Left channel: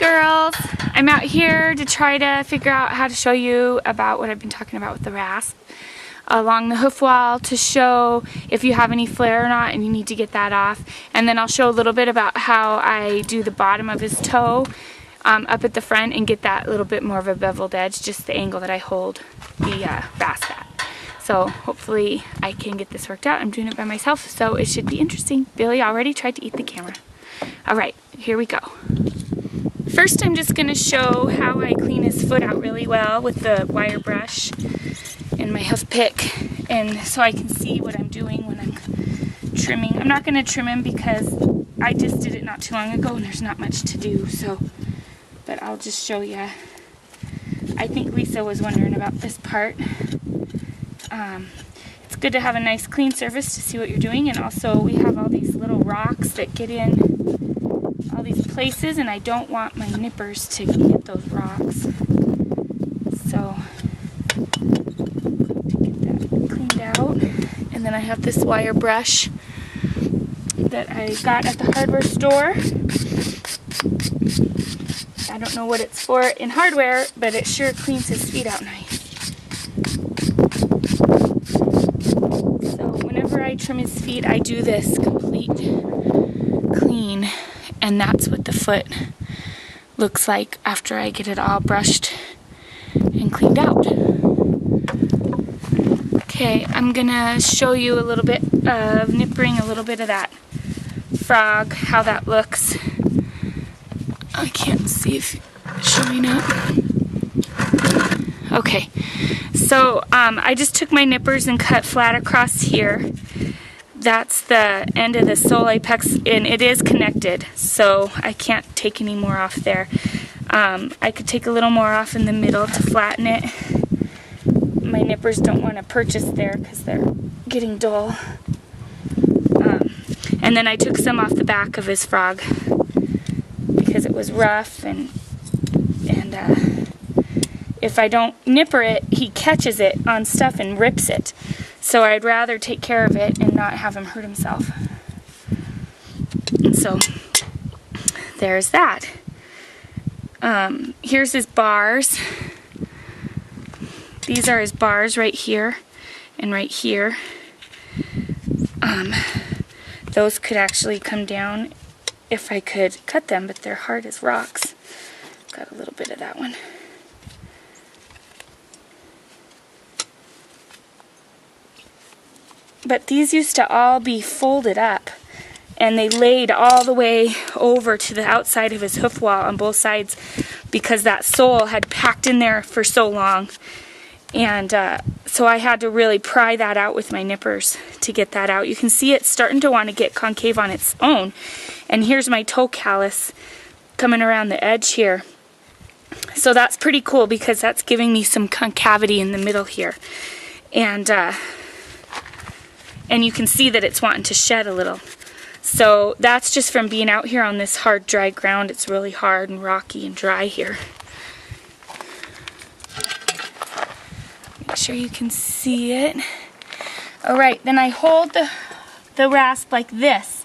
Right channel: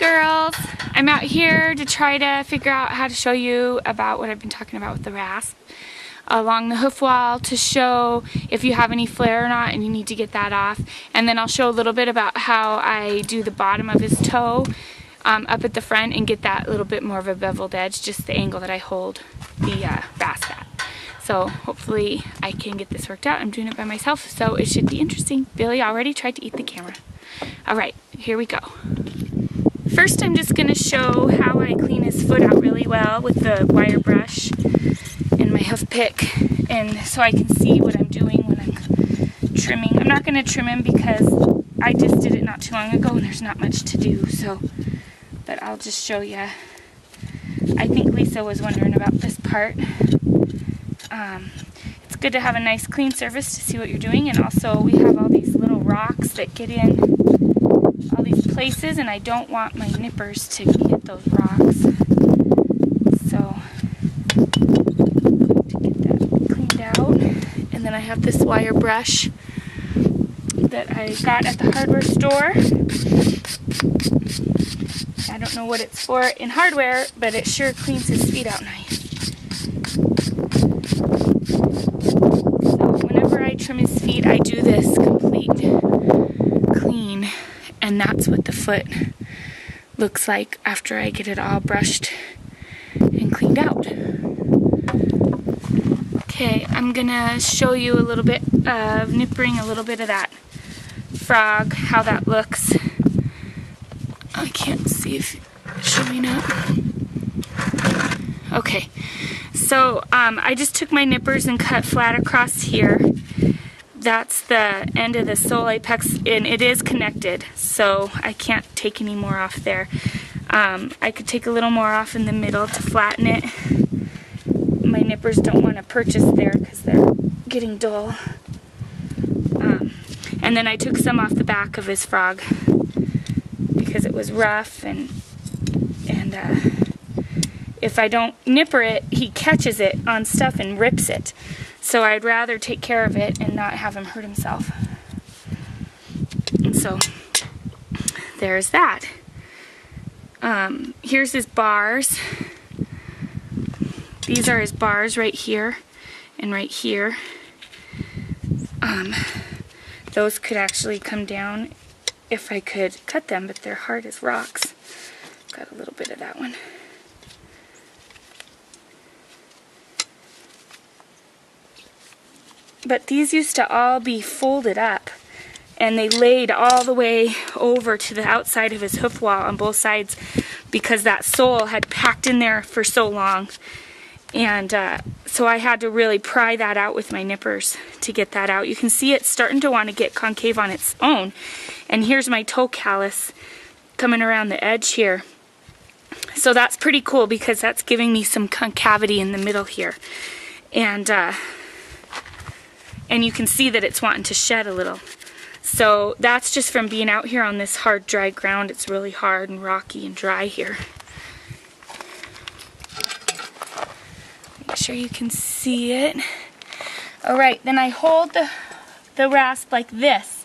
girls, I'm out here to try to figure out how to show you about what I've been talking about with the rasp along the hoof wall to show if you have any flare or not and you need to get that off. And then I'll show a little bit about how I do the bottom of his toe up at the front and get that little bit more of a beveled edge, just the angle that I hold the rasp at. So hopefully I can get this worked out. I'm doing it by myself, so it should be interesting. Billy already tried to eat the camera. Alright, here we go. First I'm just going to show how I clean his foot out really well with the wire brush and my hoof pick, and so I can see what I'm doing when I'm trimming. I'm not going to trim him because I just did it not too long ago and there's not much to do, so, but I'll just show you. I think Lisa was wondering about this part. It's good to have a nice clean surface to see what you're doing, and also we have all these little rocks that get in all these places, and I don't want my nippers to hit those rocks. So to get that cleaned out, and then I have this wire brush that I got at the hardware store. I don't know what it's for in hardware, but it sure cleans his feet out nice. So whenever I trim his feet, I do this complete clean, and that's what the foot looks like after I get it all brushed and cleaned out. Okay, I'm gonna show you a little bit of nippering a little bit of that frog, how that looks. I can't see if it's showing up. Okay, so I just took my nippers and cut flat across here. That's the end of the sole apex, and it is connected, so I can't take any more off there. I could take a little more off in the middle to flatten it. My nippers don't want to purchase there because they're getting dull. And then I took some off the back of his frog because it was rough, and if I don't nipper it, he catches it on stuff and rips it. So I'd rather take care of it and not have him hurt himself. And so there's that. Here's his bars. These are his bars right here and right here. Those could actually come down if I could cut them, but they're hard as rocks. Got a little bit of that one. But these used to all be folded up, and they laid all the way over to the outside of his hoof wall on both sides because that sole had packed in there for so long. And so I had to really pry that out with my nippers to get that out. You can see it's starting to want to get concave on its own. And here's my toe callus coming around the edge here. So that's pretty cool because that's giving me some concavity in the middle here. And you can see that it's wanting to shed a little. So that's just from being out here on this hard, dry ground. It's really hard and rocky and dry here. Make sure you can see it. Alright, then I hold the rasp like this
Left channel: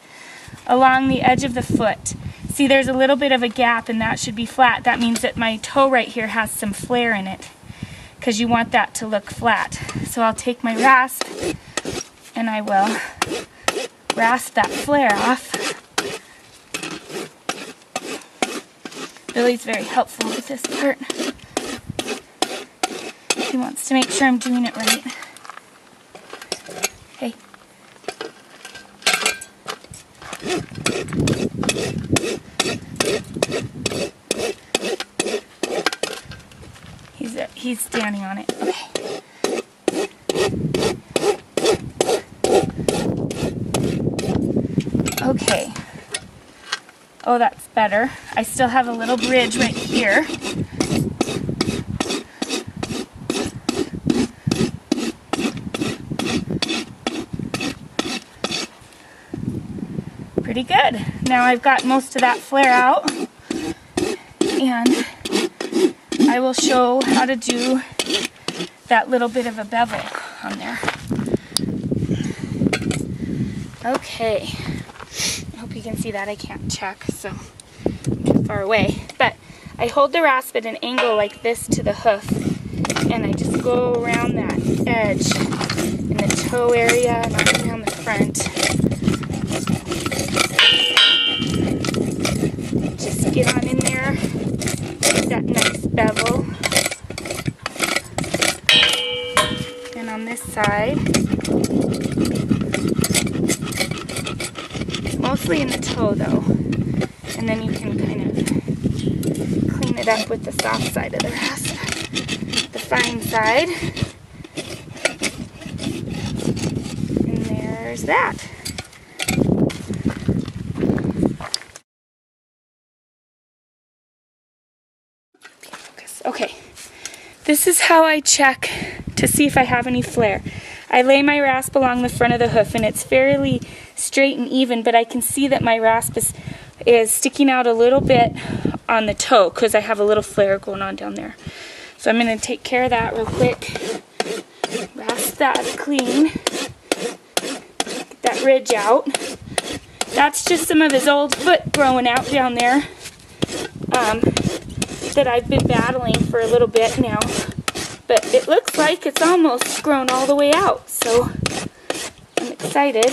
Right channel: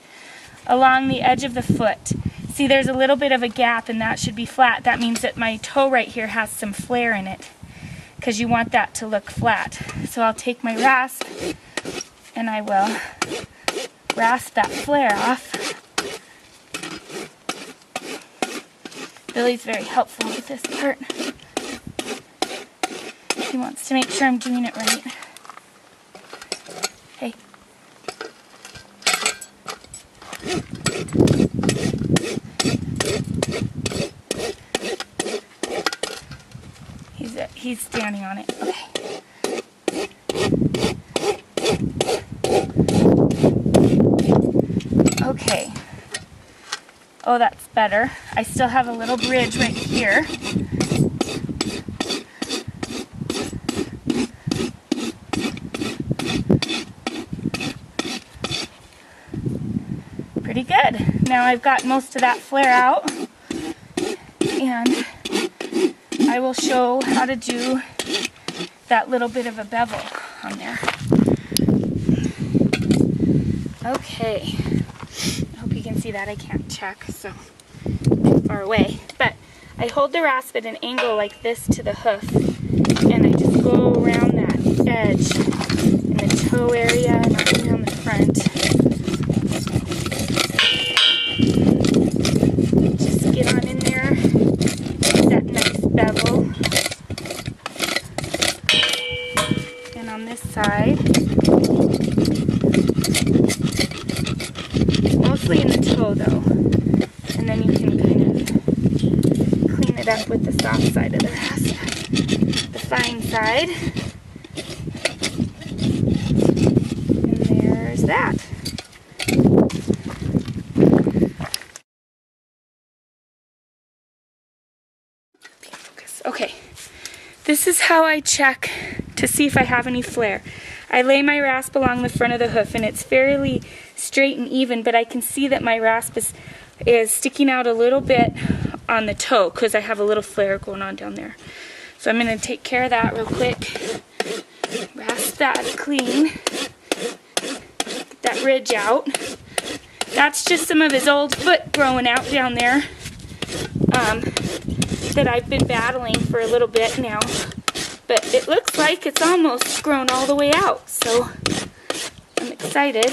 along the edge of the foot. See, there's a little bit of a gap, and that should be flat. That means that my toe right here has some flare in it because you want that to look flat. So I'll take my rasp and I will rasp that flare off. Billy's very helpful with this part. He wants to make sure I'm doing it right. Hey. He's standing on it. Okay. Okay. Oh, that's better. I still have a little bridge right here. Pretty good. Now I've got most of that flare out, and I will show how to do that little bit of a bevel on there. Okay. I hope you can see that. I can't check, so I'm too far away. But I hold the rasp at an angle like this to the hoof, and I just go around that edge in the toe area and all the way on the front. Just get on in there, get that nice bevel. And on this side, mostly in the toe though, and then you can kind of clean it up with the soft side of the rasp, the fine side, and there's that. Okay, this is how I check to see if I have any flare. I lay my rasp along the front of the hoof, and it's fairly straight and even, but I can see that my rasp is sticking out a little bit on the toe because I have a little flare going on down there. So I'm going to take care of that real quick. Rasp that clean. Get that ridge out. That's just some of his old foot growing out down there that I've been battling for a little bit now. But it looks like it's almost grown all the way out, so I'm excited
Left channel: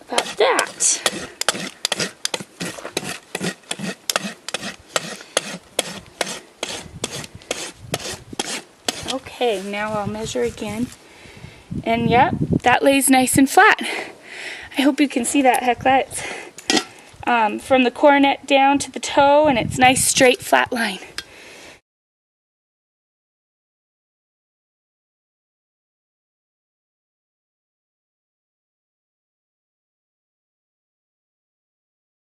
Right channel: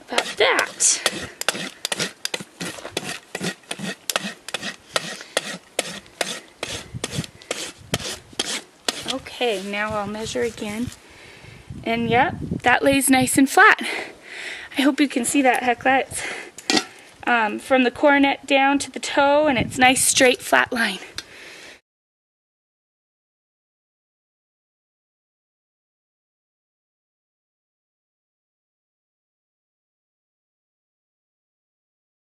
about that. Okay, now I'll measure again. And yep, that lays nice and flat. I hope you can see that, Hecla. It's from the coronet down to the toe, and it's nice straight flat line.